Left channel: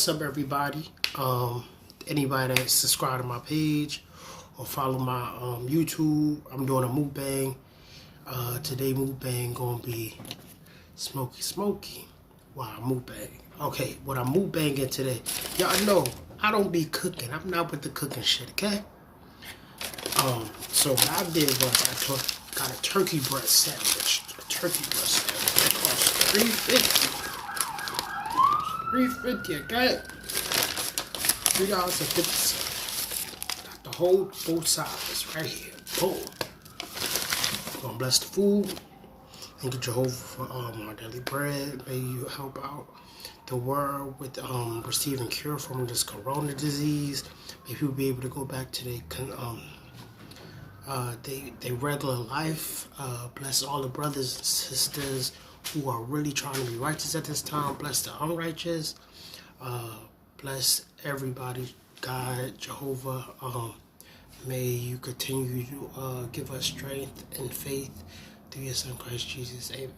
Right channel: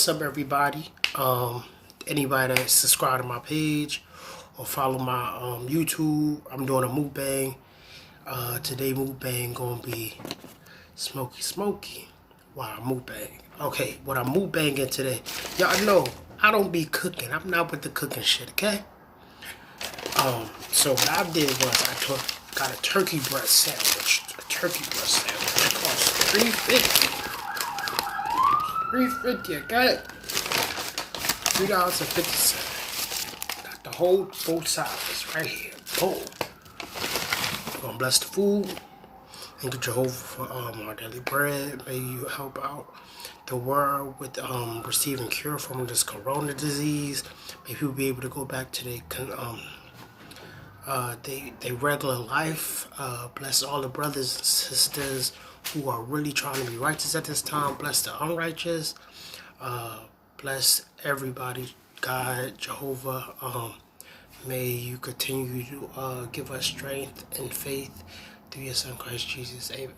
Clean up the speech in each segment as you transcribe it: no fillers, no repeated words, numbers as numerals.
What's up, everybody? Anybody that subscribe to my page or follow my YouTube, I'm doing a mukbang. Today mukbang gonna be smoky. Wow, mukbang. Okay, what I'm mukbanging today, y'all know I don't be cooking. I'm not with the cooking shit, okay? So what I did was got a turkey breast sandwich. A turkey breast sandwich. It cost $3.50. $3.50, okay? $3.50. Got the whole both sides right here. Boom. I'm gonna bless the food. Thank you, Jehovah, for our daily bread. May you help out the world with receiving cure from this corona disease. May people be able to go back to their regular life. Bless all the brothers and sisters who are really trying to be righteous at this time. Bless the unrighteous. Bless everybody, God, Jehovah. May you continue to give us strength and faith through your Son, Christ Jesus. Amen.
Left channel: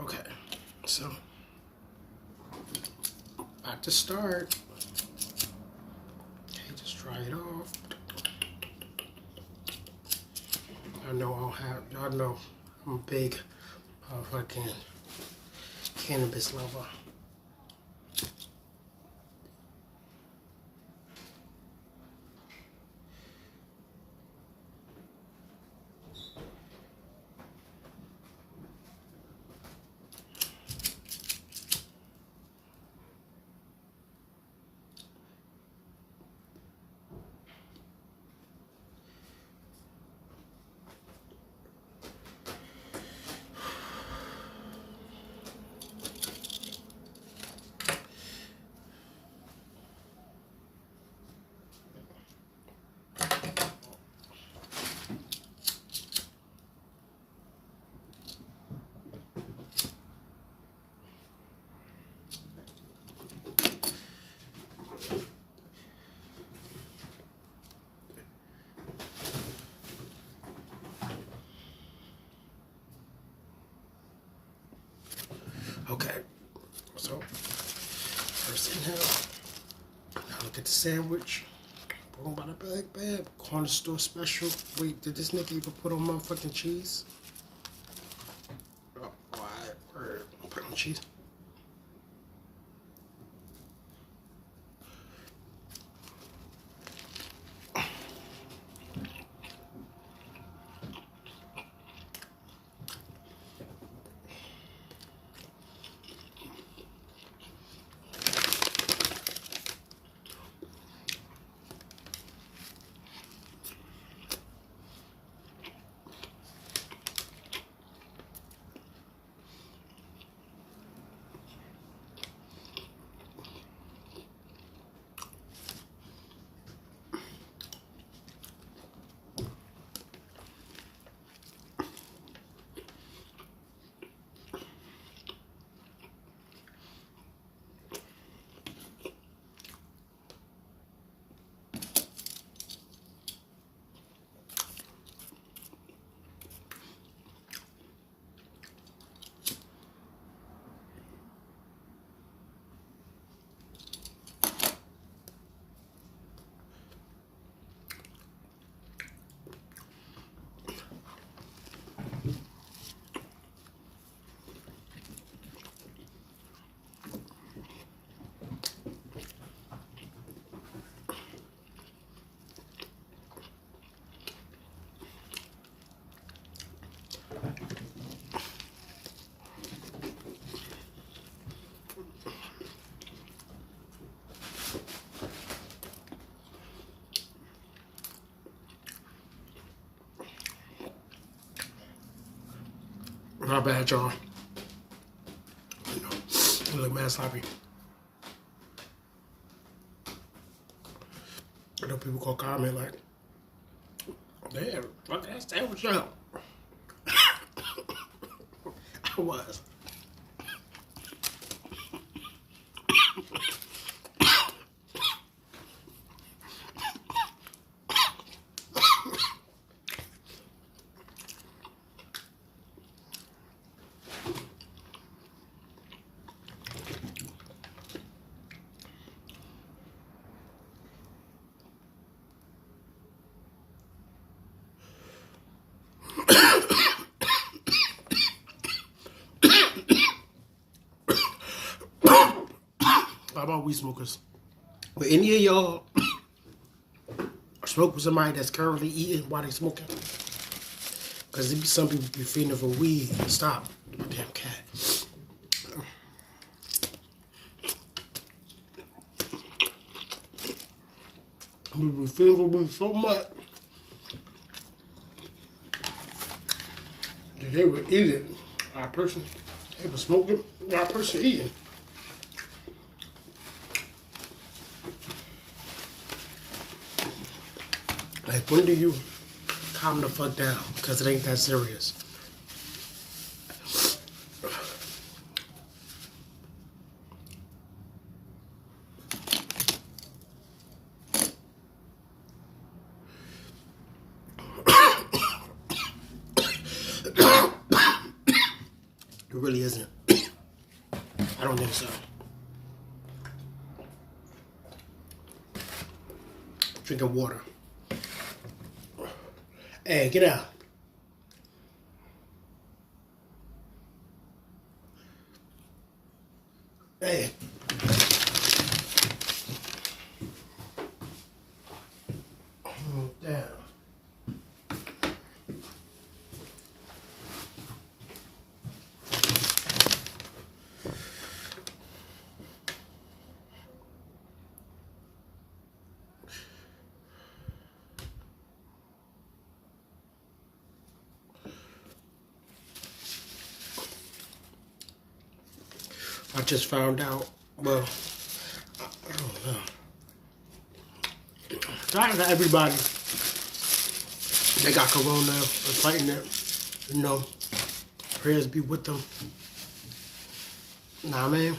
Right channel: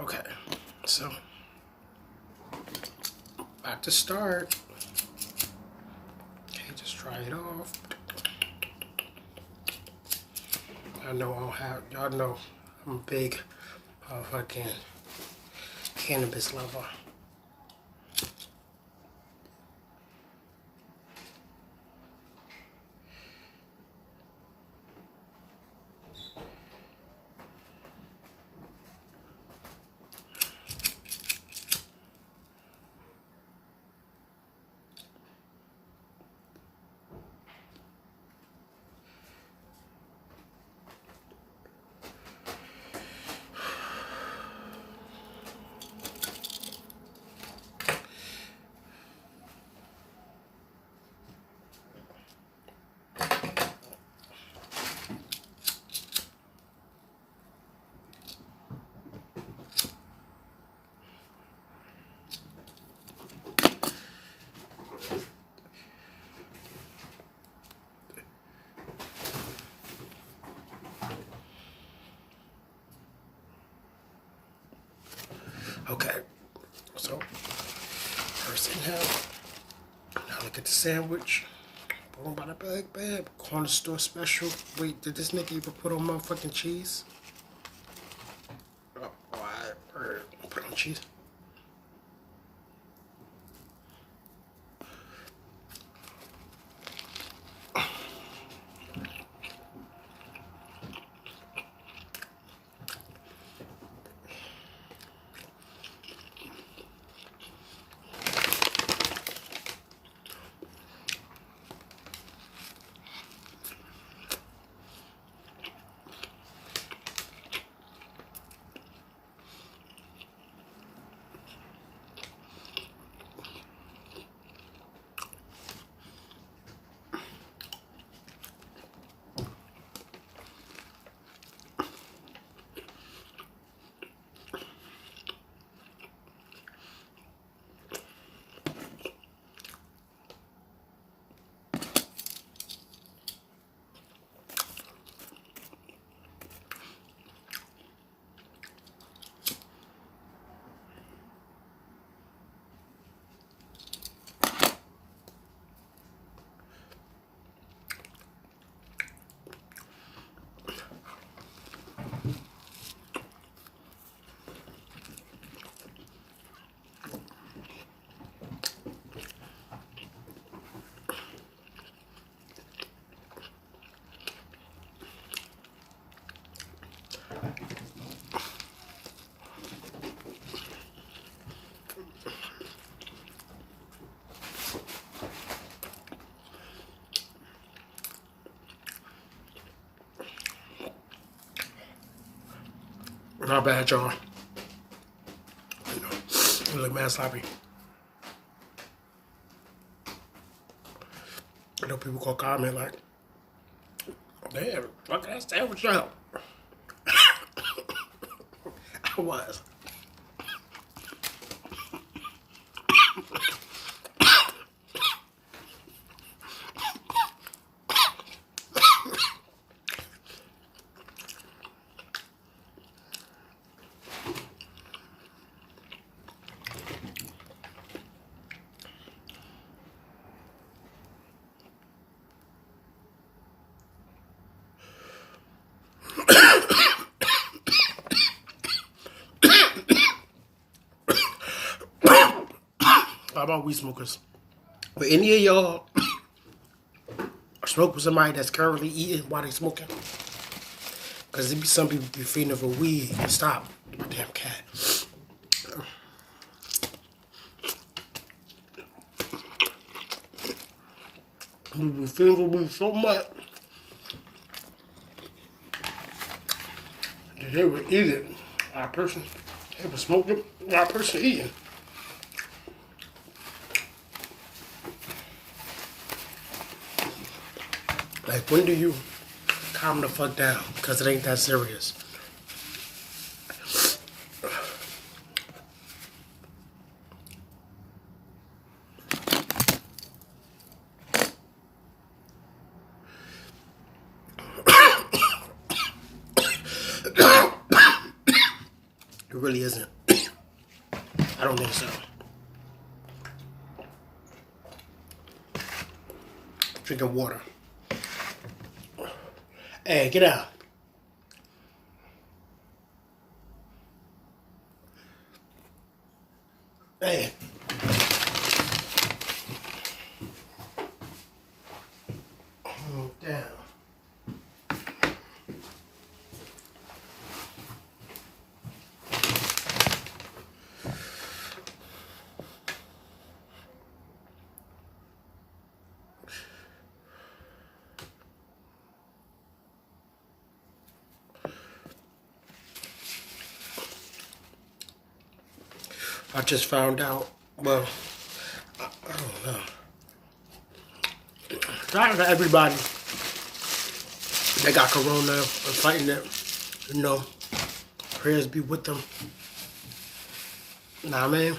Okay, so about to start. Okay, just try it off. I know y'all know I'm a big fucking cannabis lover. Okay, so first inhale. Now look at the sandwich. Boom, by the bag, corner store special. Wait, did this nigga even put on motherfucking cheese? Oh, alright, put on cheese. Not bad, y'all. You know, it look mad sloppy. I know people gonna comment like, damn, fuck that sandwich out. I was. How about weed smokers? But any of y'all smoke with somebody that's currently eating while they smoking? Because there be some people be feeding for weed and stop. My damn cat. We be feeding for weed so much that they would eat it. Our person, they would smoke it. Our person eating. Like, when do you calm the fuck down? Because it ain't that serious. It really isn't. I don't think so. Drinking water. Hey, get out. Hey. Down. I just found out, well, I don't know. Shout out to everybody that got corona or fighting it. You know, prayers be with them. Nah, man.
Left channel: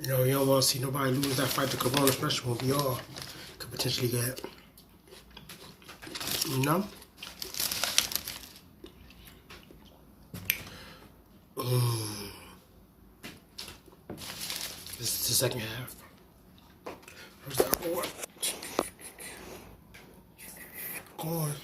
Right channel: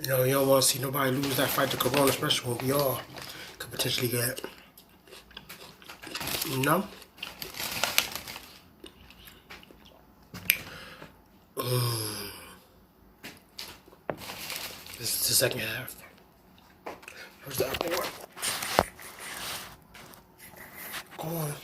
You know, you don't want to see nobody lose that fight to corona, especially when we all could potentially get, you know? This is the second half. Where's the other one? Go on.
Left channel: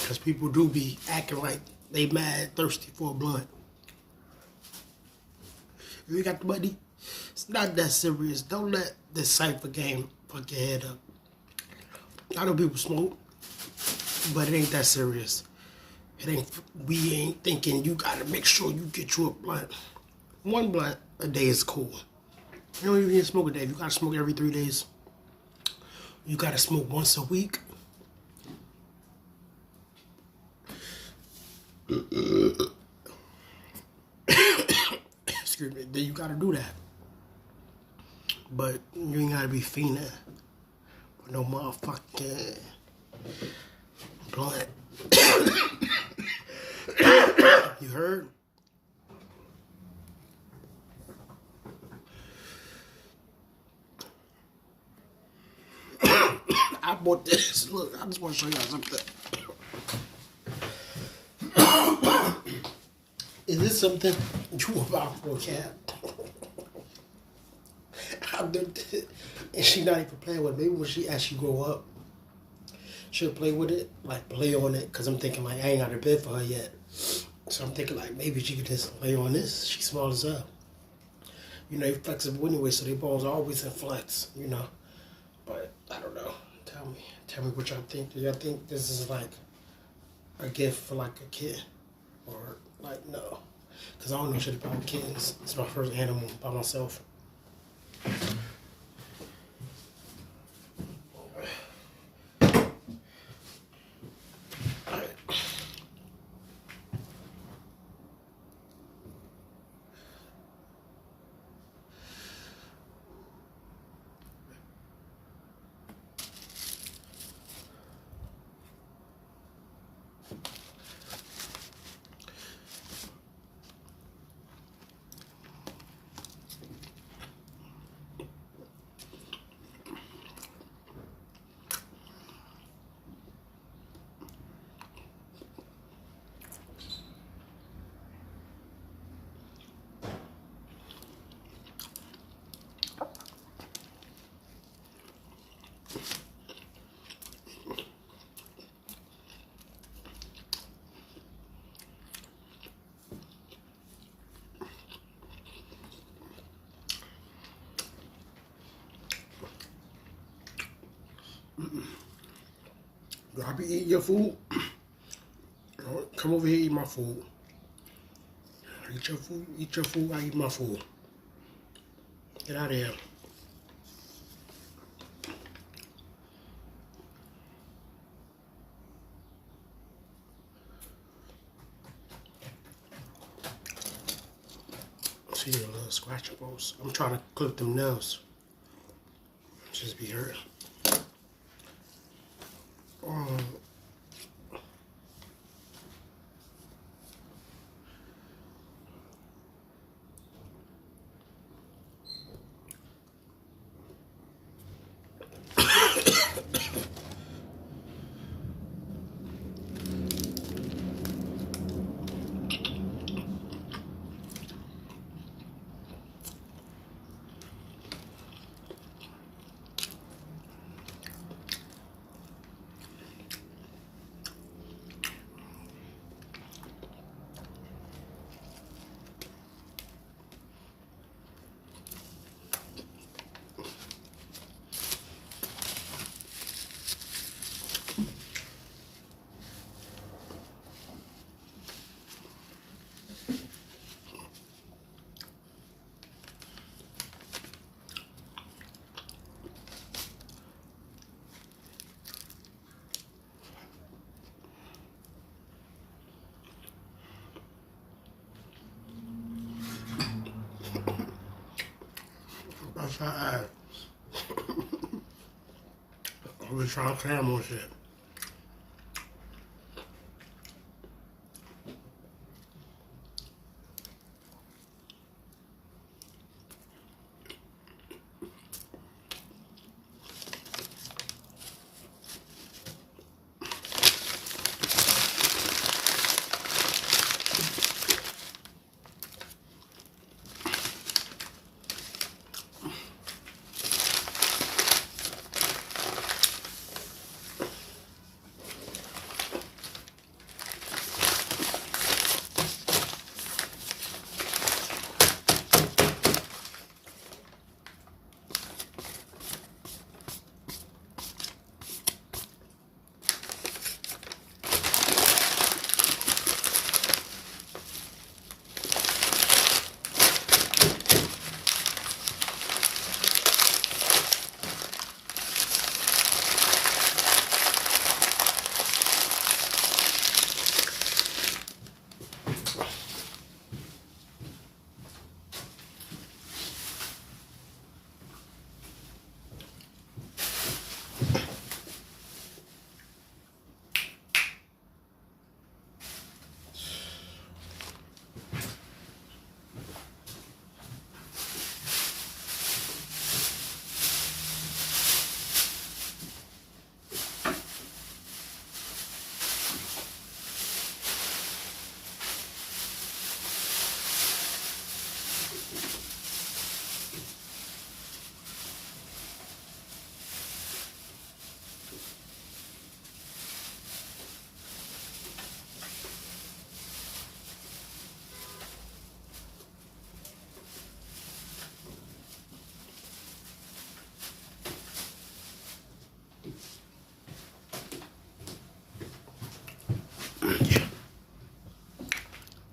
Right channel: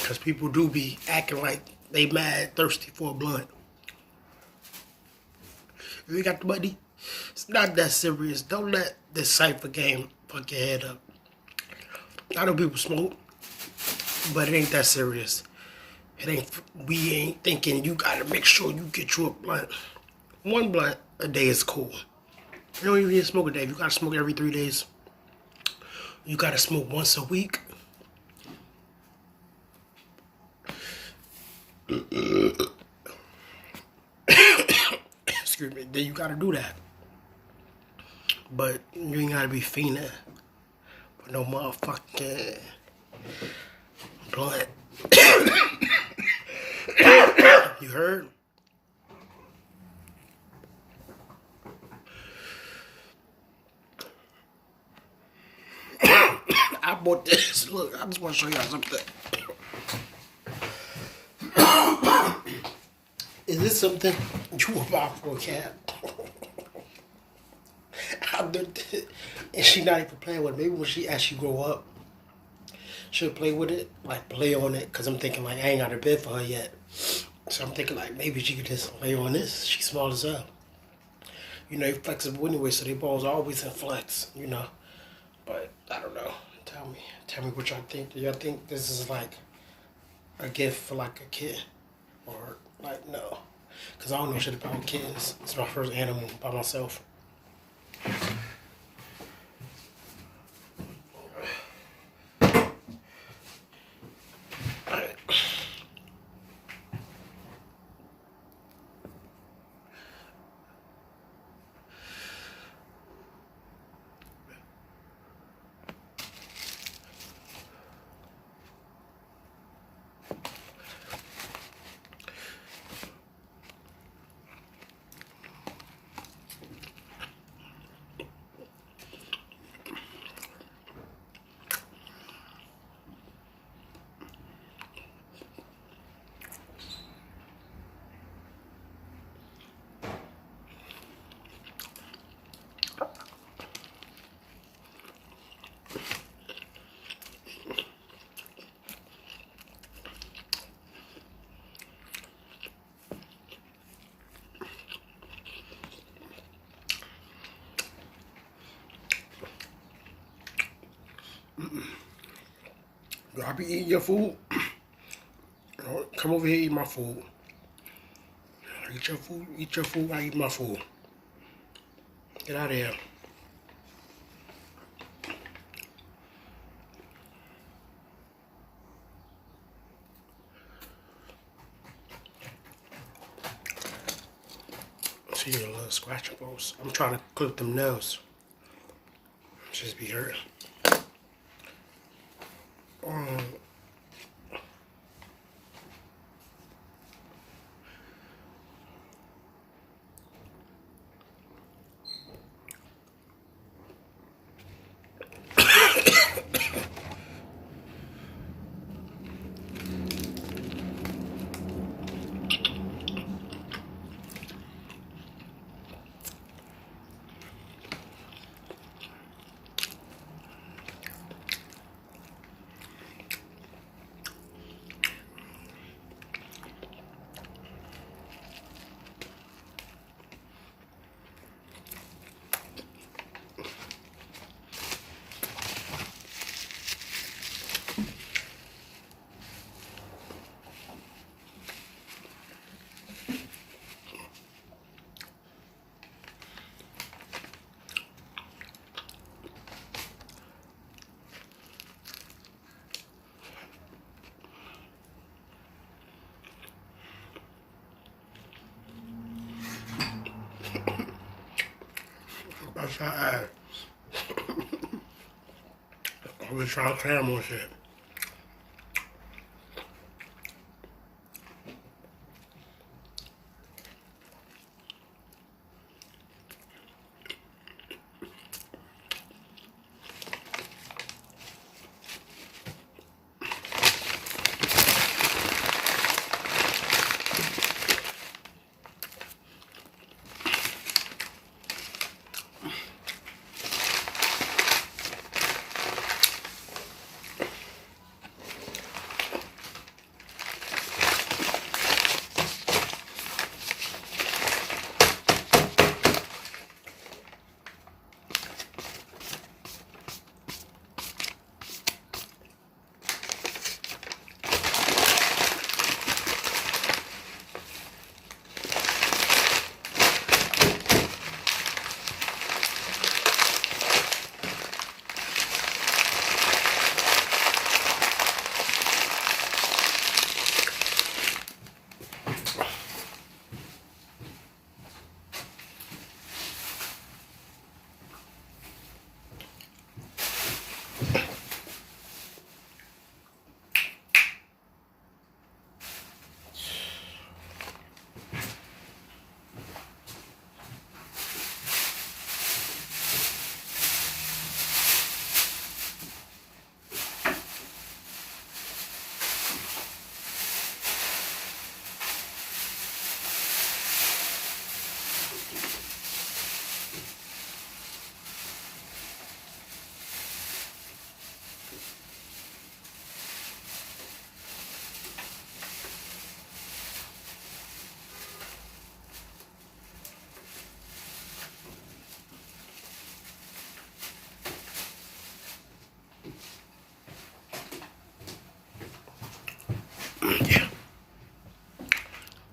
Because people do be acting like they mad, thirsty for a blunt. If you got the money, it's not that serious. Don't let this Cypher game fuck your head up. I know people smoke, but it ain't that serious. We ain't thinking you gotta make sure you get you a blunt. One blunt a day is cool. You don't even need to smoke a day. You gotta smoke every 3 days. You gotta smoke once a week. Excuse me, then you gotta do that. But you ain't gotta be fiending for no motherfucking blunt. You heard? I bought this. Look, I just want to show y'all something. Is this something you were bought for a cat? And she not even playing with it. Maybe when she actually grow up, she'll play with it, like play on it. Cause I'm thinking like I ain't got a bed for her yet. So I'm thinking like maybe she could just lay on this. She's small as hell. You know, they're flexible anyway, so their balls are always in flex, you know. But I don't know. Tell me what y'all think. Do y'all think this is like a gift for like a kid? Or like no? Cause I don't know shit about kids. It's my first animal by myself. Y'all be eating your food? Come over here, eat my food. Eat your food, I eat my food. Get out of here. See your little scratching posts. I'm trying to clip them nails. Just be hurting. That's how I was trying to cram on shit. Yeah.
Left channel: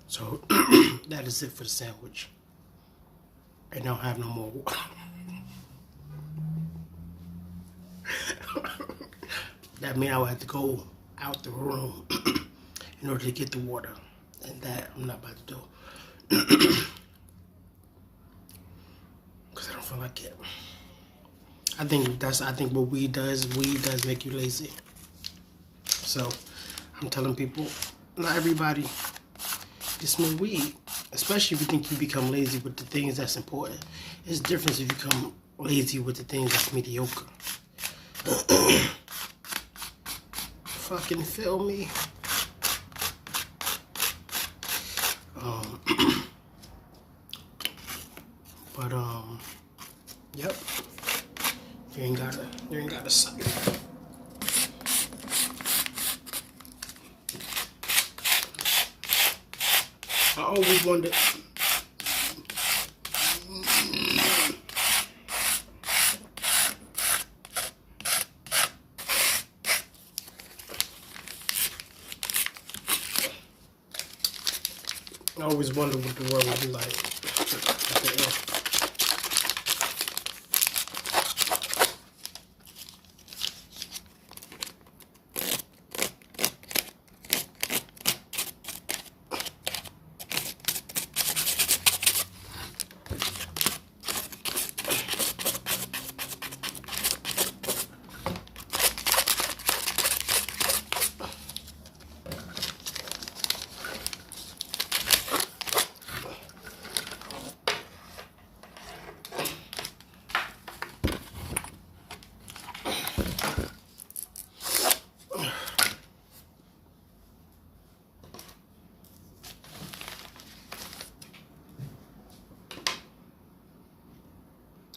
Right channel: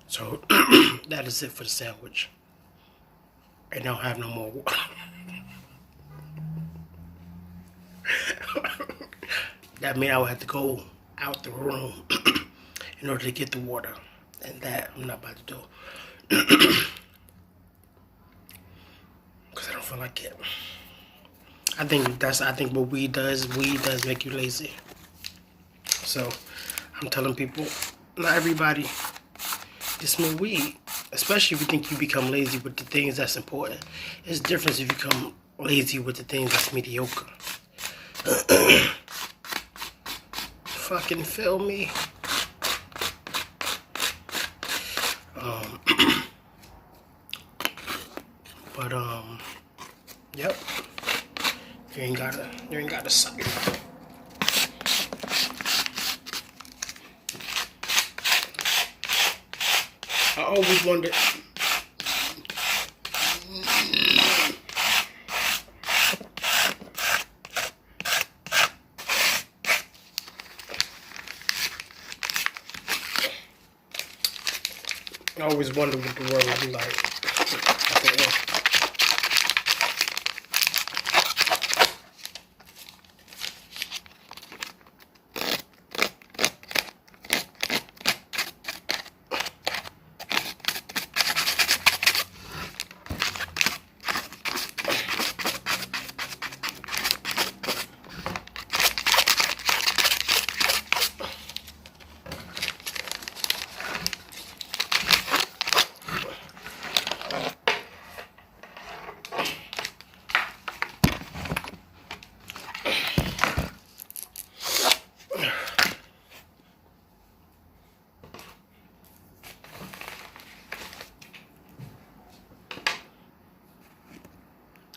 So that is it for the sandwich. I don't have no more water. That means I would have to go out the room in order to get the water. And that I'm not about to do. Because I don't feel like it. I think what weed does make you lazy. So I'm telling people, not everybody can smoke weed. Especially if you think you become lazy with the things that's important. It's different if you become lazy with the things that's mediocre. Fucking feel me? Yep. You ain't gotta suck it. I always wondered. I always wonder what the world would be like at the end.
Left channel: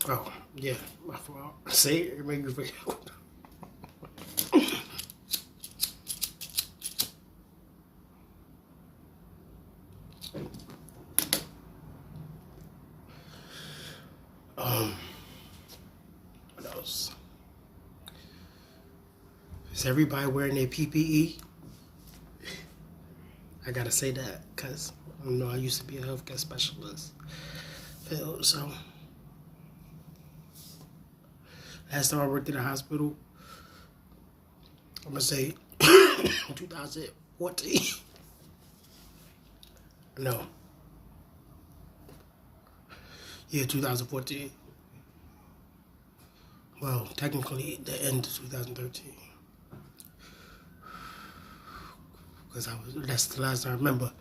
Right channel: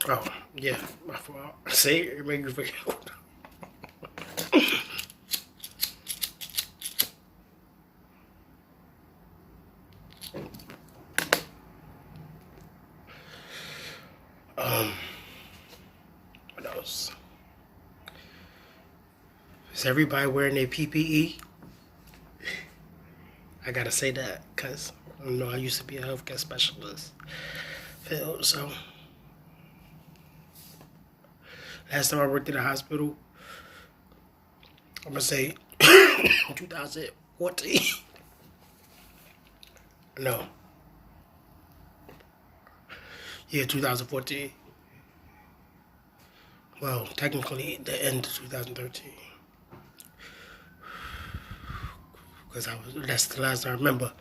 Oh, yeah, my fault. See, it made you forget. What else? Is everybody wearing their PPE? I gotta say that because I used to be a healthcare specialist, so last time I worked in a hospital, I'm gonna say 2014. No. Yeah, 2014. Well, technically the end of 2013. Because that's the last I remember.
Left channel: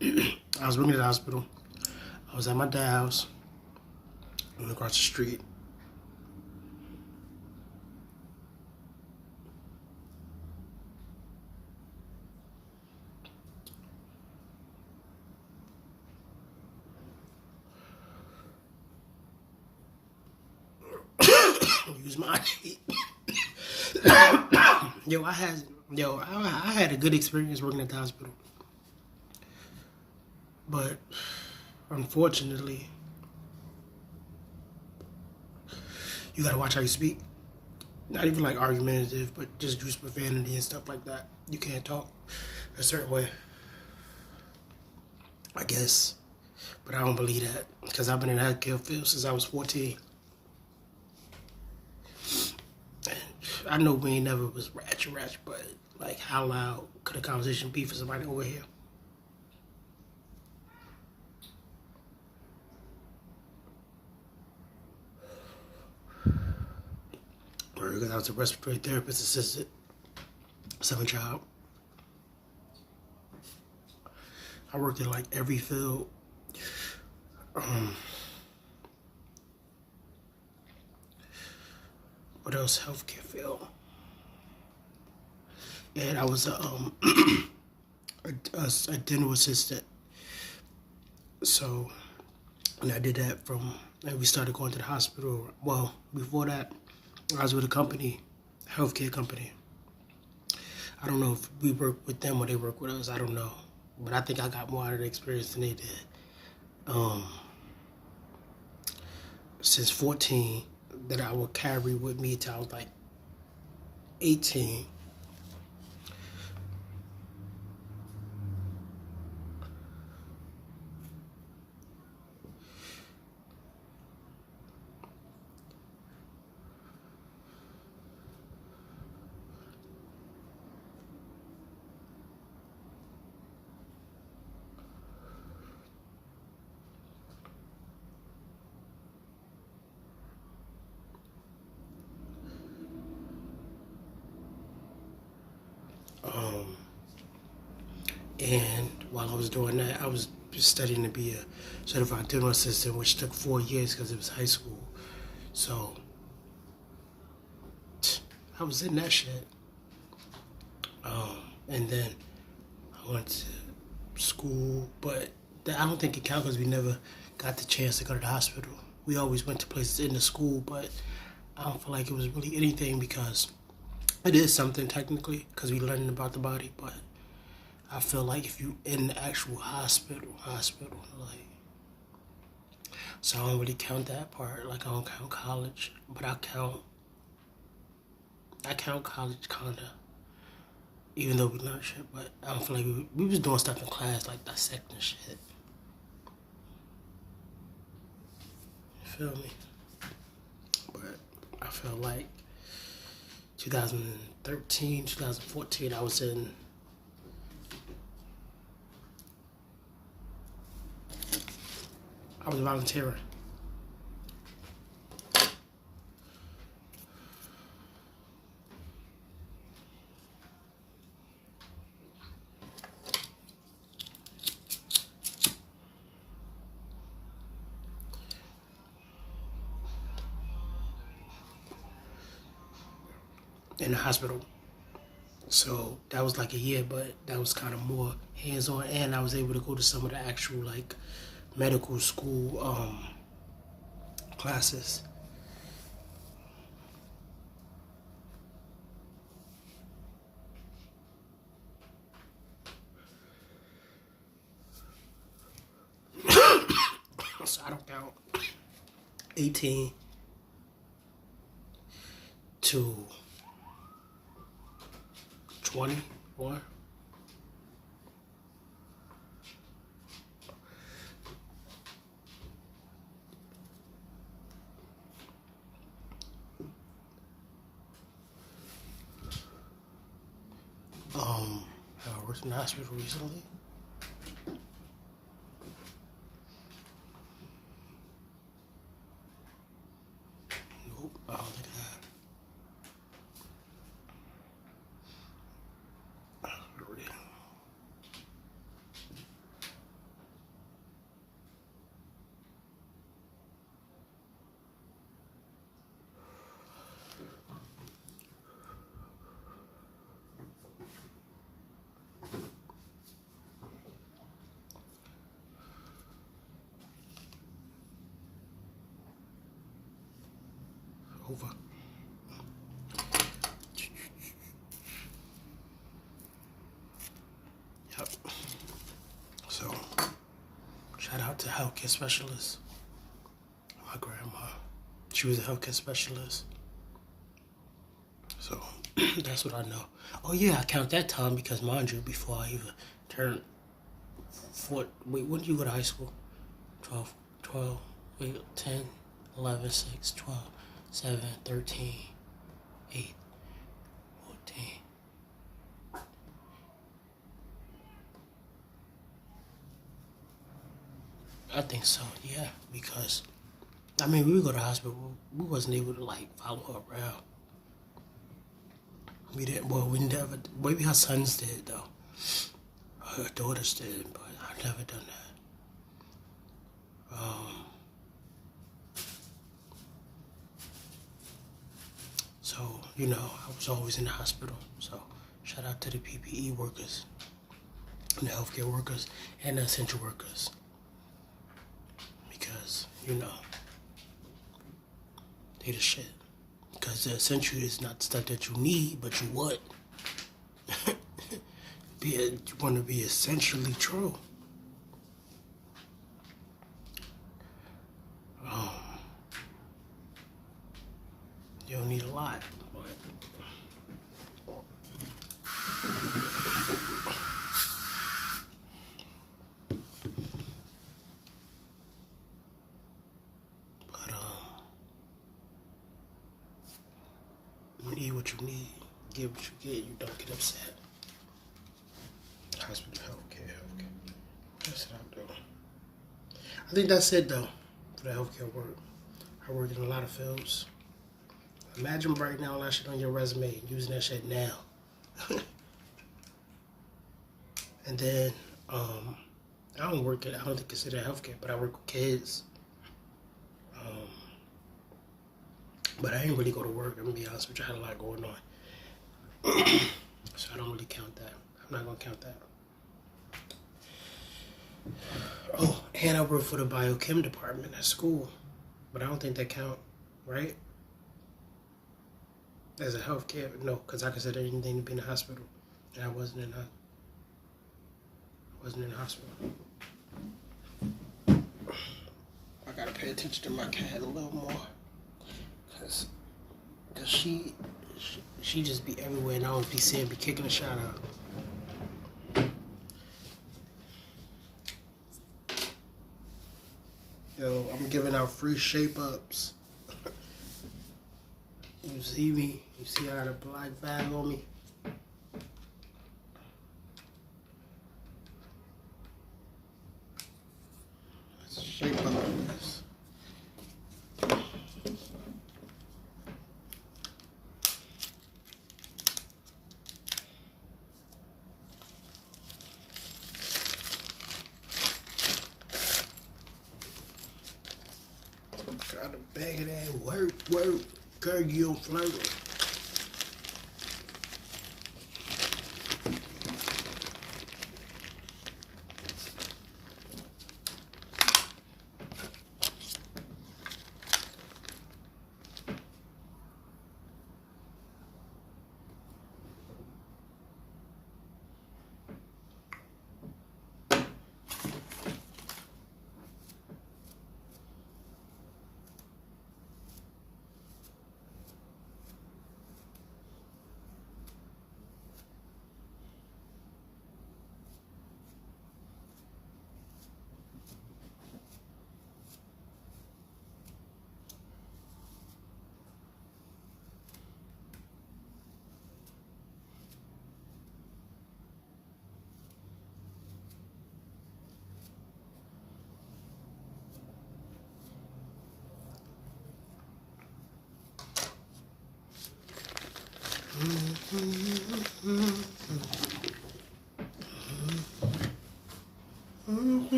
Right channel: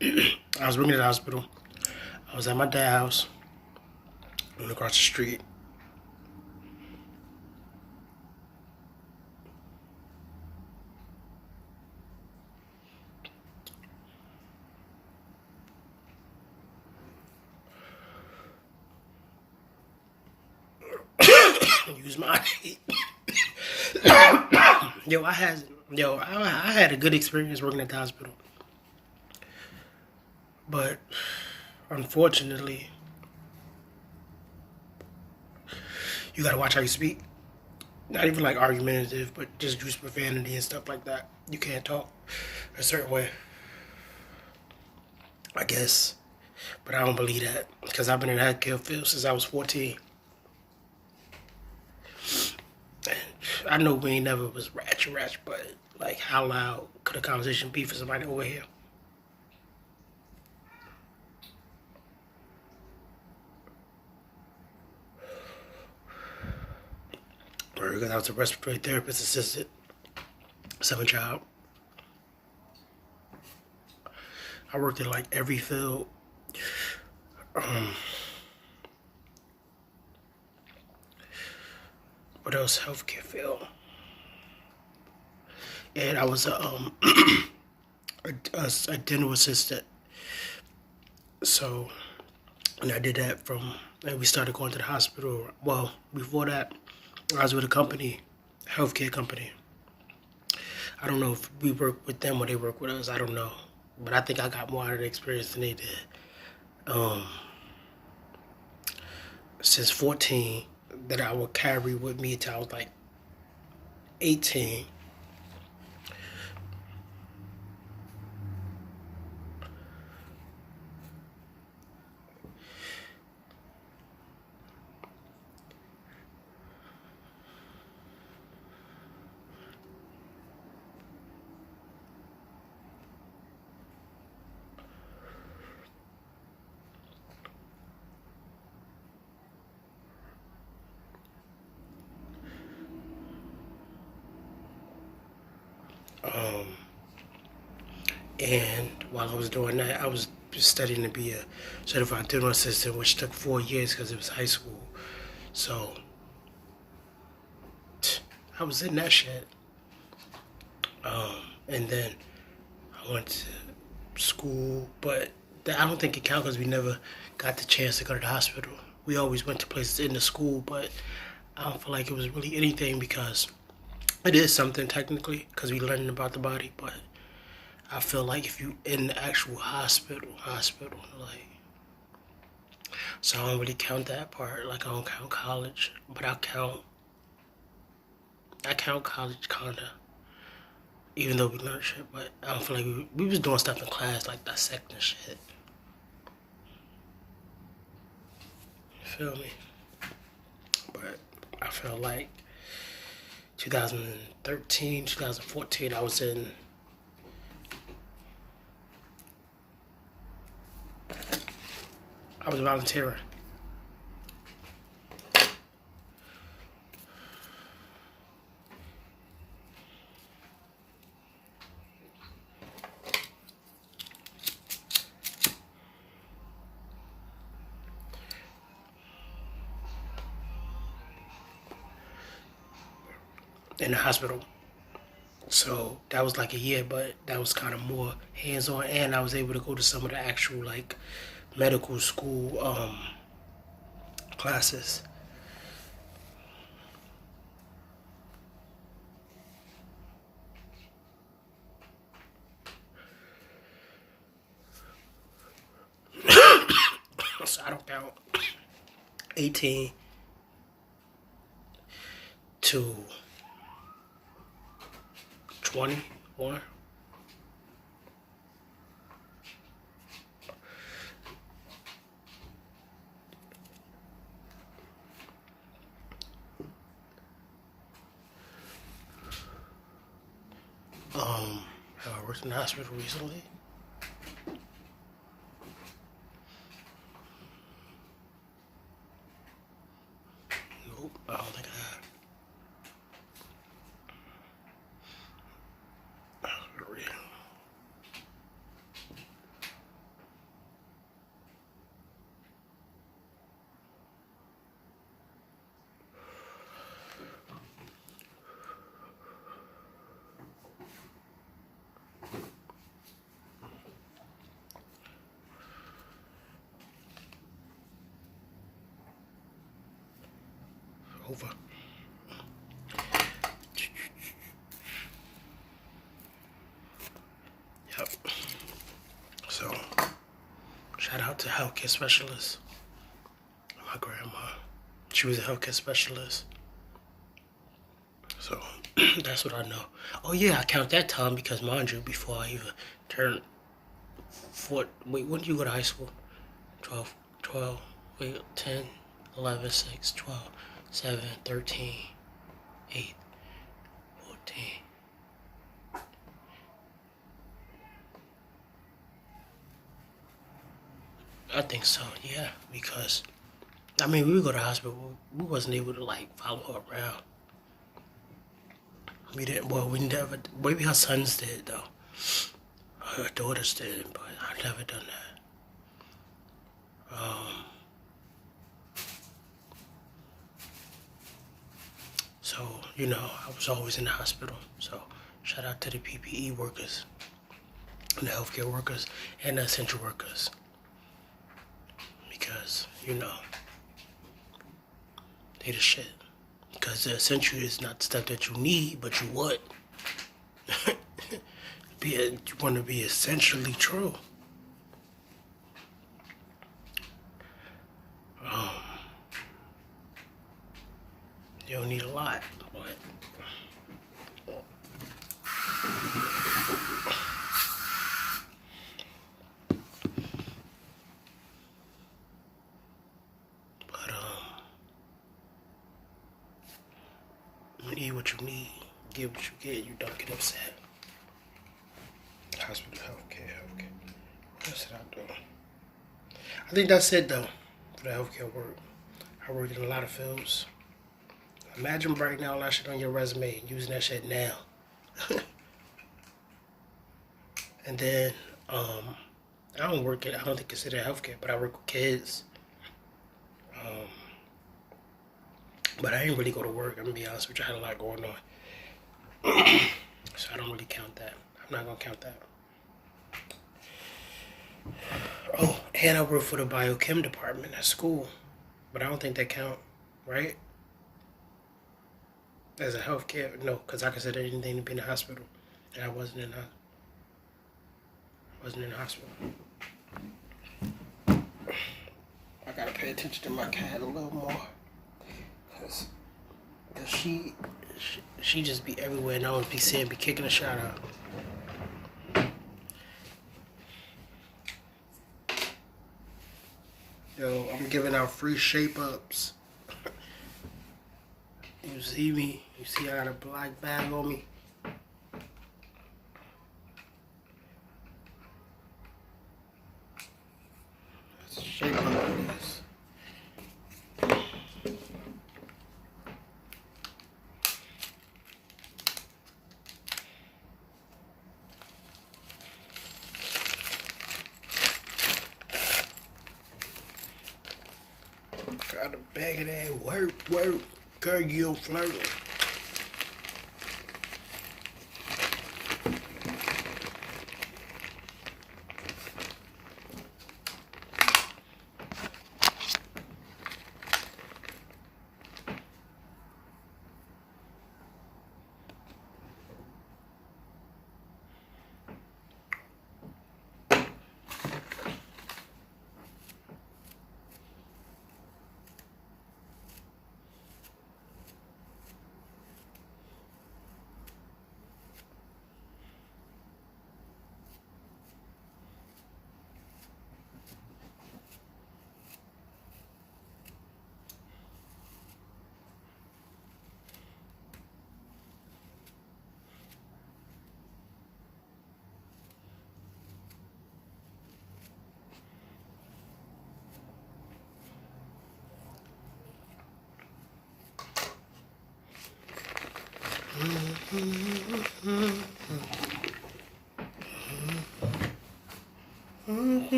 I was working at the hospital. I was at my dad's house. I went across the street. Use my I had a good experience working at the hospital. But unfortunately, you gotta watch how you speak. Not even like argumentative, but just use profanity and stuff like that. You can't talk a certain way, I guess. But I don't believe that because I've been in the healthcare field since I was 14. I know we ain't never was ratchet, but like how loud could a conversation be for somebody over here? Because I was a respiratory therapist assistant, 7th child. I worked in like every field. What else? Healthcare field. And I was a dental assistant. So, and I did that and we started going to the hospital. Well, before that, I was with a company, healthcare company. I don't know if we work with them or they work with us. I don't know. But I think I got more out of the experience than they did. Since 14, that I would carry with me until I was like 18. And while I was doing that, I was studying to be a certified dental assistant, which took 4 years because it was high school. So I was in that shit. And then I went to school, but I don't think it counts because we never got the chance to go to the hospital. We always went to places in the school, but I don't feel like it was really anything because it is something technically because we learning about the body, but I feel like if you in the actual hospital, like, so I don't really count that part. Like I don't count college, but I count college kinda, even though we learned shit. But I don't feel like we was doing stuff in class like dissecting shit. feel me? But I felt like 2013, 2014, I was volunteering. In the hospital. So that was like a year, but that was kind of more hands-on, and I was able to go to some of the actual like medical school classes. So I don't count 18 to 21. Have I worked in the hospital recently? Nope, I don't think I have. Over. Yep. So, shout out to healthcare specialists. My grandma, she was a healthcare specialist. So, that's what I know. Oh yeah, I count that time because, mind you, before I even turned 4, wait, when did you go to high school? 10, 11, 6, 12, 7, 13, 8, 14. I think so, yeah, because, I mean, we would go to the hospital, we wasn't able to, like, follow her around. We didn't, well, we never, maybe her sons did, though. Her daughters did, but I've never done that. So, you know, I was always in the hospital. So, shout out to the PPE workers, and the healthcare workers, and the essential workers. Because, you know, they the shit. Because the essential is not the stuff that you need, but you want. You want to be essentially true. You don't need a lot, but you need what you need, get what you get, you don't get upset. Hospital, healthcare. What else did I do? I think that's it though, for the healthcare work. I work in a lot of fields. Imagine right now all that shit on your resume and using that shit now. And then, I don't think consider healthcare, but I work with kids. But I didn't really go to work, I'm gonna be honest with you, I had a lot going on. So I don't really count that. I'm not gonna count that. Oh, and I work for the biochem department at school, but I don't think that count, right? As a healthcare, no, because I consider anything to be in the hospital, and I wasn't in the hospital. I gotta pay attention to my cat a little more, cause she just be everywhere, and I always be kicking a shot out. Yo, I'm giving out free shape ups. You see me? You see I got a black bag on me? Let's shape up this. Got a bag of that work, girl, you flirt.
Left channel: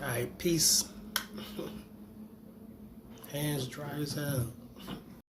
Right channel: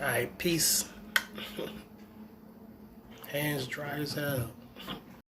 Alright, peace. Hands dry as hell.